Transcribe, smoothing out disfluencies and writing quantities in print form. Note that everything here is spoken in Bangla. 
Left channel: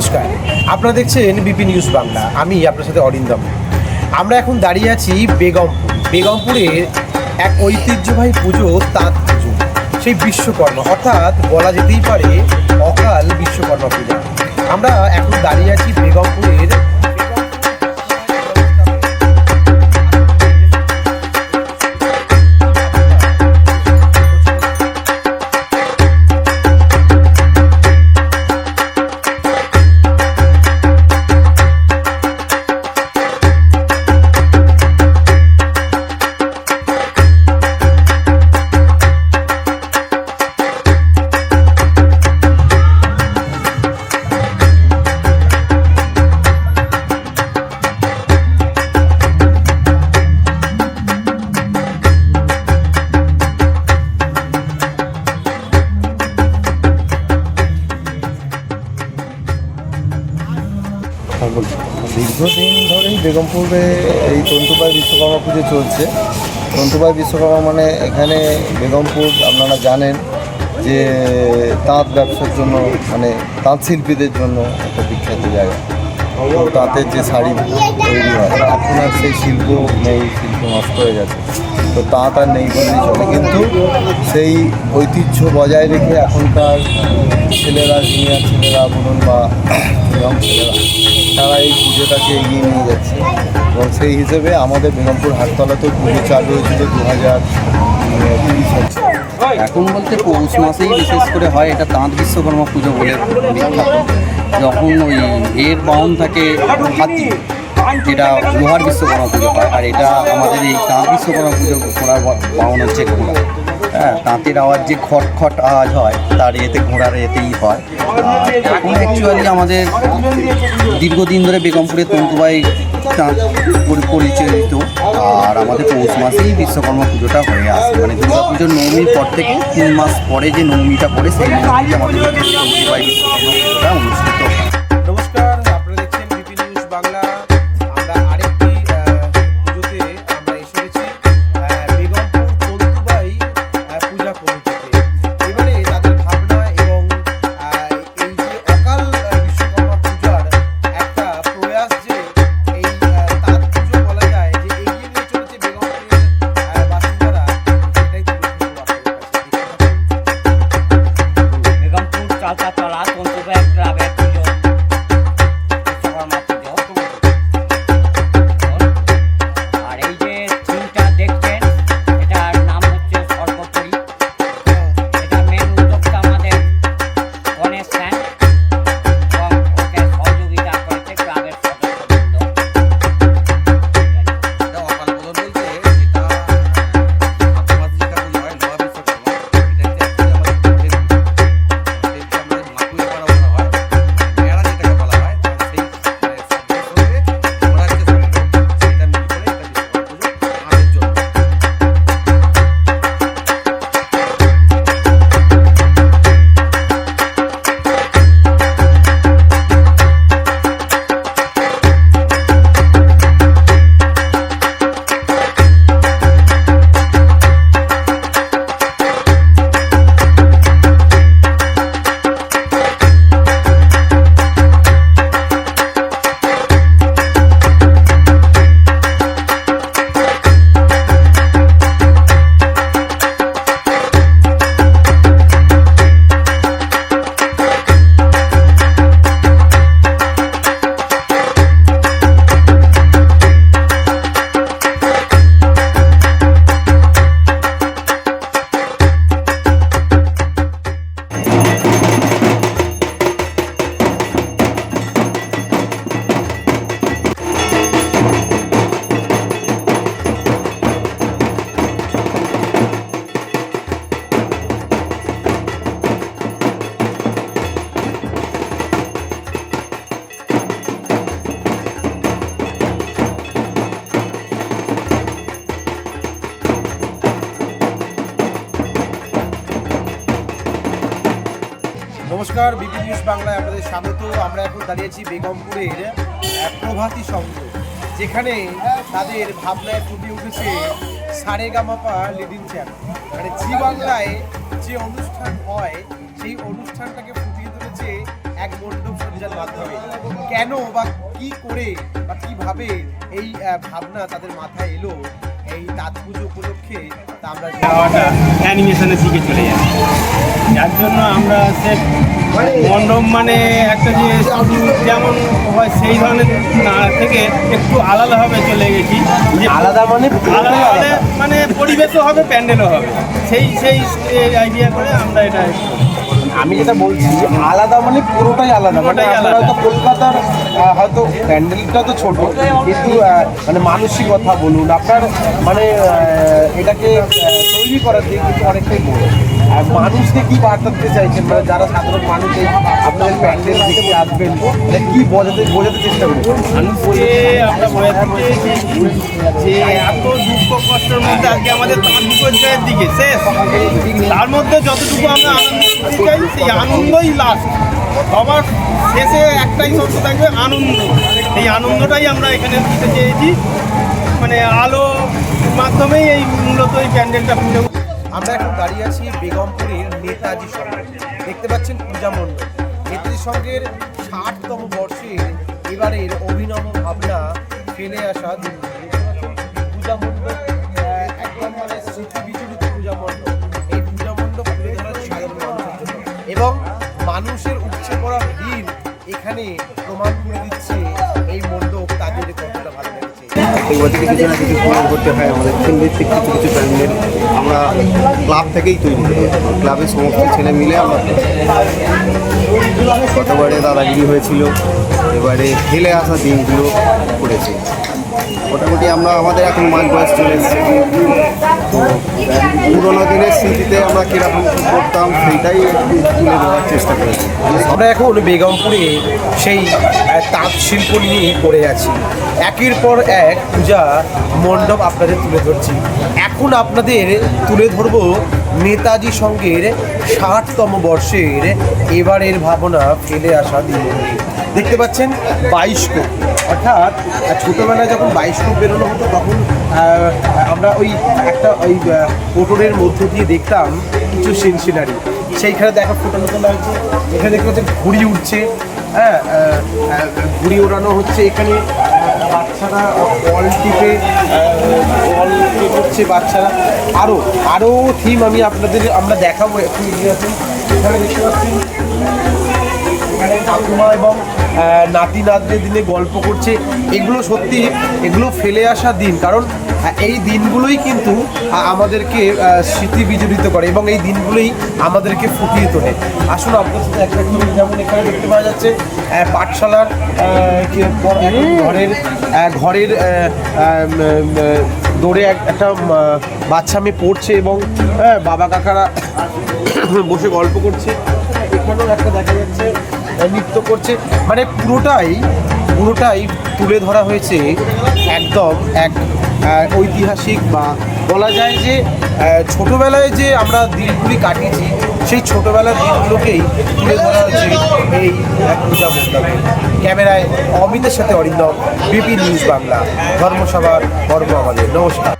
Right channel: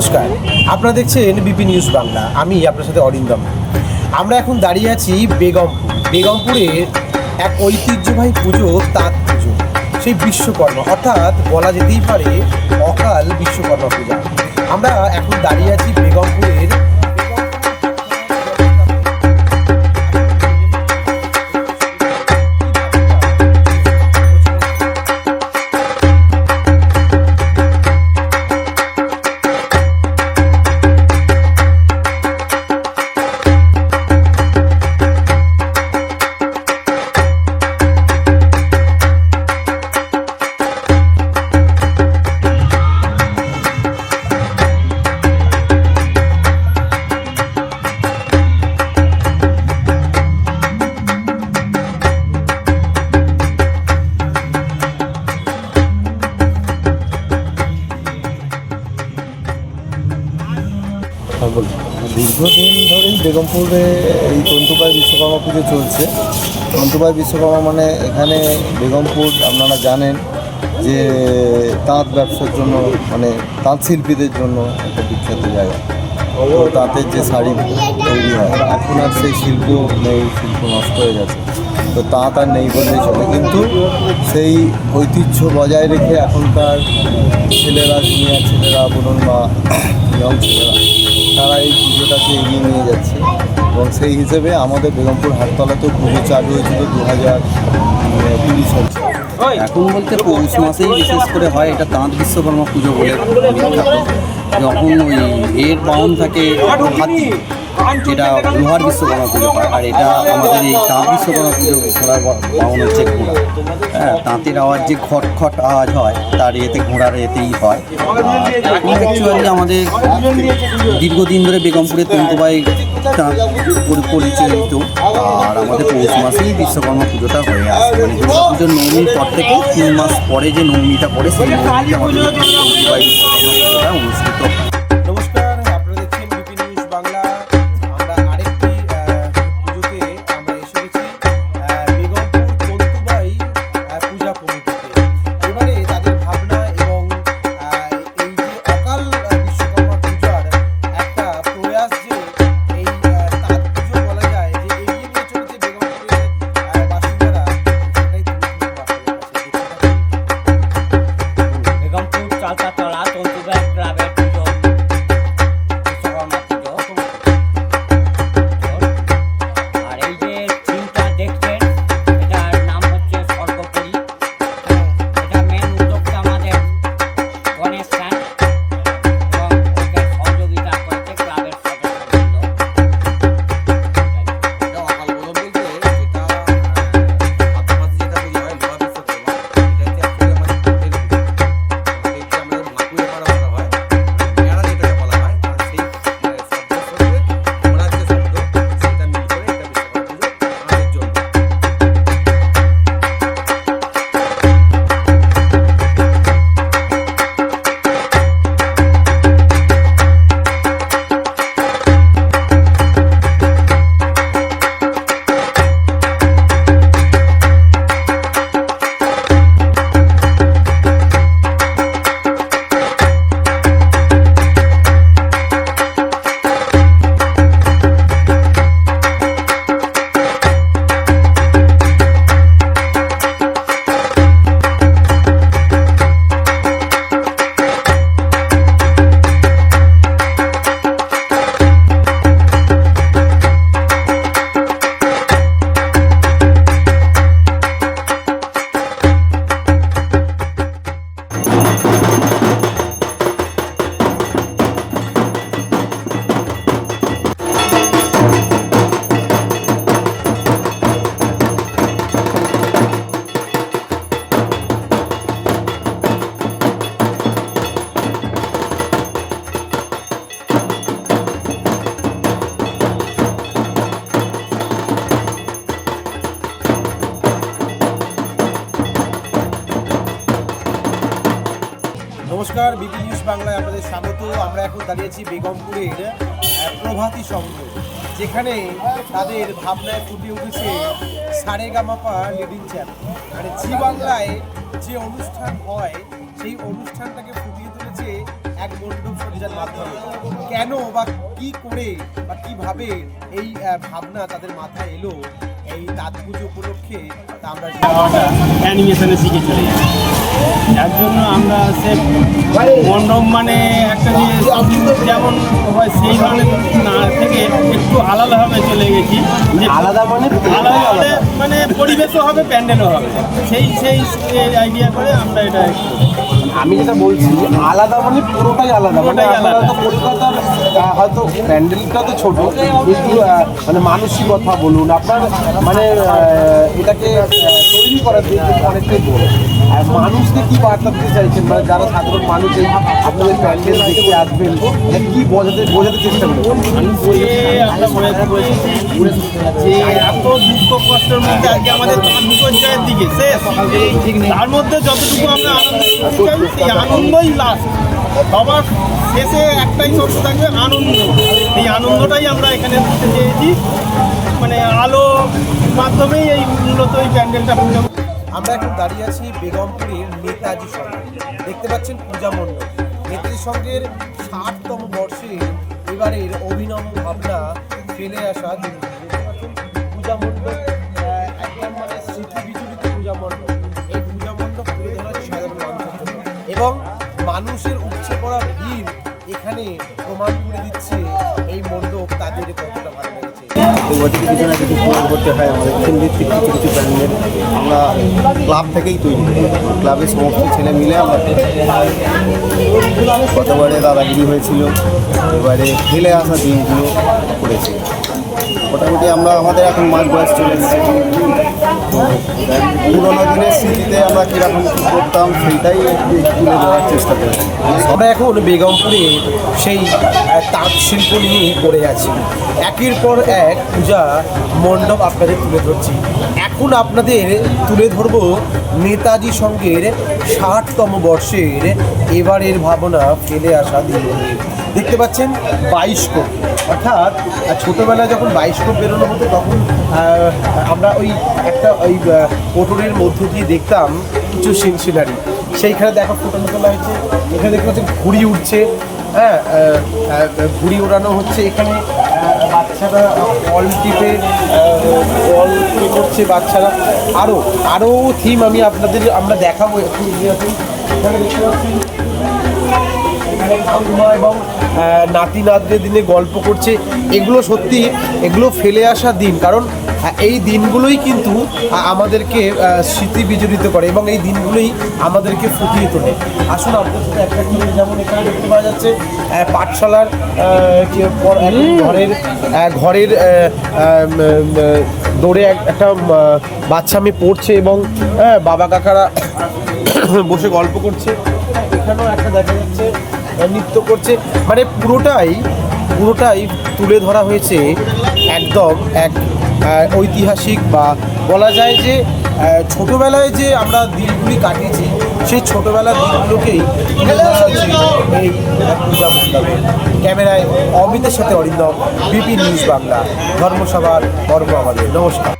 নমস্কার, আপনারা দেখছেন বিপি নিউজ বাংলা। আমি আপনার সাথে অরিন্দম। আমরা এখন দাঁড়িয়ে আছি বেগমপুরের এক ঐতিহ্যবাহী পুজো, তাঁত পুজো, সেই বিশ্বকর্মা, অর্থাৎ বলা যেতেই পারে অকাল বিশ্বকর্মা পূজা। আমরা এখন দাঁড়িয়ে আছি বেগমপুরের দীর্ঘদিন ধরেই বেগমপুরে এই তন্তুবাই বিশ্বকর্মা পুজো চলছে। তন্তুবাই বিশ্বকর্মা মানে এখানে বেগমপুর আপনারা জানেন যে তাঁত ব্যবসার জন্য, মানে তাঁত শিল্পীদের জন্য একটা বিখ্যাত জায়গা। তো তাঁতের যে শাড়ি তৈরি হয়, এখন আর সেই শিল্প নেই, শিল্প নষ্ট হয়ে গেছে। তো তাঁত আর নেই বললেই চলে, কিন্তু সেই ঐতিহ্য বজায় রেখে এখনকার ছেলেরা, সিনিয়র ছেলেরা বলুন বা ইয়ং ছেলেরা, তারা এই পুজোটাকে এগিয়ে নিয়ে যাচ্ছে। এবং সেই হিসেবে আমাদের বেগমপুর হাটতলাতেও পুজো চালু হয়েছিল 2020 সালে। এখন বলতে পৌষ মাসেই বিশেষ করে হয়, এটা তাঁত বিশ্বকর্মা পুজো বলে বিখ্যাত। যখন ওই এর বাউন থাকে হাতি, যেটা লোহার বিশ্বকর্মা পুজো হয়, আর এটা আমাদের এই তাঁত বিশ্বকর্মা পুজোর ঘোড়ার বাউন হচ্ছে ঘোড়া। হ্যাঁ, তাঁতের আওয়াজ যে খট খট আওয়াজ হয়, তার এতে ঘোড়ার এতেই হয়। আর এখন অ্যাকচুয়ালি আমাদের দীর্ঘদিন ধরে বেগমপুরে তন্তুবাই তাঁত পরিচালিত, আর আমাদের পৌষ মাসেই বিশ্বকর্মা পুজোটা হয়ে আসে। মানে দুর্গা পুজোর নবমীর পর থেকে 3 মাস পরে যে নবমীটা পড়ে, সেই নবমীতে আমাদের তন্তুবাই বিশ্বকর্মা পুজোটা অনুষ্ঠিত হয়। নমস্কার, আপনারা দেখছেন বিপি নিউজ বাংলা। আমরা আরেকটি পুজোতে আমরা এসে গেছি বেগমপুর তন্তুবাই পূজা কমিটিতে। এবারে তাদের ভাবনা এবং এই যে অকাল বিশ্বকর্মা পূজার একটা প্রয়াস, যে এই তাঁত পুজো বলা যায় যে এগিয়ে নিয়ে চলেছে বেগমপুরের বাসিন্দারা, সেটাই তুলে ধরবো আপনাদের কাছে। বেগমপুর চালতাতলা তন্তুবাই ক্লাবের পুজো, বিশ্বকর্মা পুজো। আর এই যে থিমটা দেখছেন, এটার নাম হচ্ছে সর্বোপরি। এটা মেন উদ্যোক্তা আমাদের গণেশ স্যান, এবং ওকে সহযোগিতা করেছে ক্লাবের সদস্যবৃন্দ। অকাল বোধন বলতে যেটা আদ্যমাসে যেটা পুজো হয় লোহা বিশ্বকর্মা, এটা হচ্ছে অ্যাকচুয়ালি আমাদের কোটের পুজো। এটা আমাদের মাকুয়ে করা হয়, মেলা যেটাকে বলা হয়, কারণ সেই শব্দের সঙ্গে ওনার যে শব্দ সেটা মিল করে এটা বিশ্বকর্মা পুজো আমাদের জন্য। নমস্কার, বিপি নিউজ বাংলায় আপনাদের স্বাগত। আমরা এখন দাঁড়িয়েছি বেগমপুরের প্রভাতী সংঘ, যেখানে তাদের ভাবনায় ফুটে উঠেছে সারেগামাপা লিডিং চ্যাম্প। মানে জি বাংলায় যে অনুষ্ঠান হয় সেই অনুষ্ঠানটাকে ফুটিয়ে তুলে চলছে এক মণ্ডপ সজ্জার মাধ্যমে। কেন বা কি করে বা কিভাবে এই ভাবনা তাদের মাথায় এলো এই তাঁত পুজো উপলক্ষে, তা আমরা হাওয়াটা অ্যানিমেশনের দিকে চলে যায়, যার জন্য আমরা সে মণ্ডপ মানে একটা যে শুধু যেমন হয় সেই ধরনের না থেকে একটু আলাদাভাবে চলে গেছি, যে আলাদা মানে পরিবেশও হবে, প্যান্ডেলও হবে, সেই আইডিয়া করে আমরা এটা আমি যেটা বলছি আলাদা মানে পুরোটাই আলাদা। পুরোটাই আলাদা। হয়তো কলকাতার হয়তো প্যান্ডেলটা তো ছোট, কিন্তু মানে মানসিকতা বলুন আপনার মানে এটাকে তৈরি করার দিক কিন্তু অনেকটাই বড়। আর মানুষকে কি বার্তা দিতে চাইছেন, মানে যারা সাধারণ মানুষ এই আপনাদের প্যান্ডেল দেখতে আসবেন, মানে কি বোঝাতে চেষ্টা করবেন? মানুষকে আমরা বোঝাতে চেয়েছি যে এত দুঃখ কষ্টের মধ্যে আজকে আমাদের তাঁত বিপর্যয়ের দিকে শেষ, তার মধ্যে যতটুকু আমরা আনন্দ দিতে চাই সেই আনন্দই লাস্ট, সবার শেষে একটাই শব্দ থাকবে আনন্দ। এই আনন্দটাই আমরা এখানে দিতে চেয়েছি, মানে আলো মাধ্যমেই এই মূলত এই প্যান্ডেলটা পুজো। আমরা এখন দাঁড়িয়ে আছি বেগমপুরের নেতাজি সংঘ, দেখতে পাচ্ছেন পূজা মণ্ডপ। নেতাজি সংঘের 60তম বর্ষের এবারের অভিনব ভাবনা ফেলে আসা দিন। দেখতে পাচ্ছেন পূজা মণ্ডপ, একদম মানে স্মৃতি বিজড়িত পূজা মণ্ডপ। এই পূজা মণ্ডপ তুলে ধরা হচ্ছে সাধারণ মানুষের জন্য, এবং মানুষের উপচে পড়া ভিড় এখানে প্রমাণ করে দিচ্ছে এই মণ্ডপ তাদের কতটা ভালো লেগেছে। প্রত্যেক বছরই কিছু না কিছু পুজো করতে হয় আমাদের থিম ভিত্তিক কিছু কিছু প্যান্ডেল আমরা ক্লাব থেকেই তৈরি করি। ক্লাবের সমস্ত ছেলে মিলে আমরা গতবারে দাদাগিরি হয়েছিল, এবারে ফেলে আসা দিনগুলো করেছি। মোটামুটি আমরা আমাদের এখন মাঝ বয়স চলে এসেছে, তো পুরোনো দিনের স্মৃতিতে আমরা কীরকম কী করতাম সেইটাই একটু তুলে ধরার চেষ্টা করেছি। আমরা এখন বেগমপুরে সেই তাঁত শিল্প নিয়েই পড়ে আছি। একের পর এক পূজা মণ্ডপ আপনাদের তুলে ধরছি। এখন আপনাদের তুলে ধরব নেতাজি সংঘের 60তম বর্ষের এবারের ভাবনা ফেলে আসা দিনমন্দির। দেখতে পাচ্ছেন বাইস্কোপ, অর্থাৎ ছোটোবেলায় যখন বাইস্কোপ বেরোনো হতো তখন আমরা ওই পোটরের মধ্যে দিয়ে দেখতাম কিছু সিনারি, সেইখানে দেখা ফোটানো তোলা হয়েছে। এখানে দেখতে পাচ্ছেন ঘুড়ি উঠছে, হ্যাঁ ঘুড়ি ওড়ানো হচ্ছে। এখানে বাচ্চারা বল টিপে করছে বাচ্চারা। আরও থিম আমরা দেখাবো এখন। এখানে দেখতে পাচ্ছেন এখানে ঠাকুমা এবং নাতি নাতদের দিনে গল্প করছে। এগুলো ফেলে আসা দিন, কারণ এই দিনগুলোই কিন্তু আমাদেরকে স্মৃতি বিজড়িত করে এবং এই দিনগুলোই আমাদেরকে ফুটিয়ে তোলে। আসুন আপনাদের সাথে একটা করে, যেমন এখানে দেখতে পাওয়া যাচ্ছে পাঠশালার ঘরের দৌড়ে একটা বাচ্চা মেয়ে পড়ছে এবং বাবা কাকারা বসে গল্প করছে। এখানেও একটা দেখা যাচ্ছে নৃত্য করছে। মানে পুরোটাই তুলে ধরা হয়েছে একদম এক ঐতিহাসিক, বা বলা যায় যে ছোটোবেলায় যে আমরা দিনগুলি কাটিয়েছি সেই ছোটোবেলার দিনগুলোকেই তুলে ধরা হয়েছে এই পূজা মণ্ডপে। ক্যামেরায় অমিতের সাথে অরিন্দম, বিপি নিউজ বাংলা, ধর্মসভার পর্ব আমাদের। নমস্কার।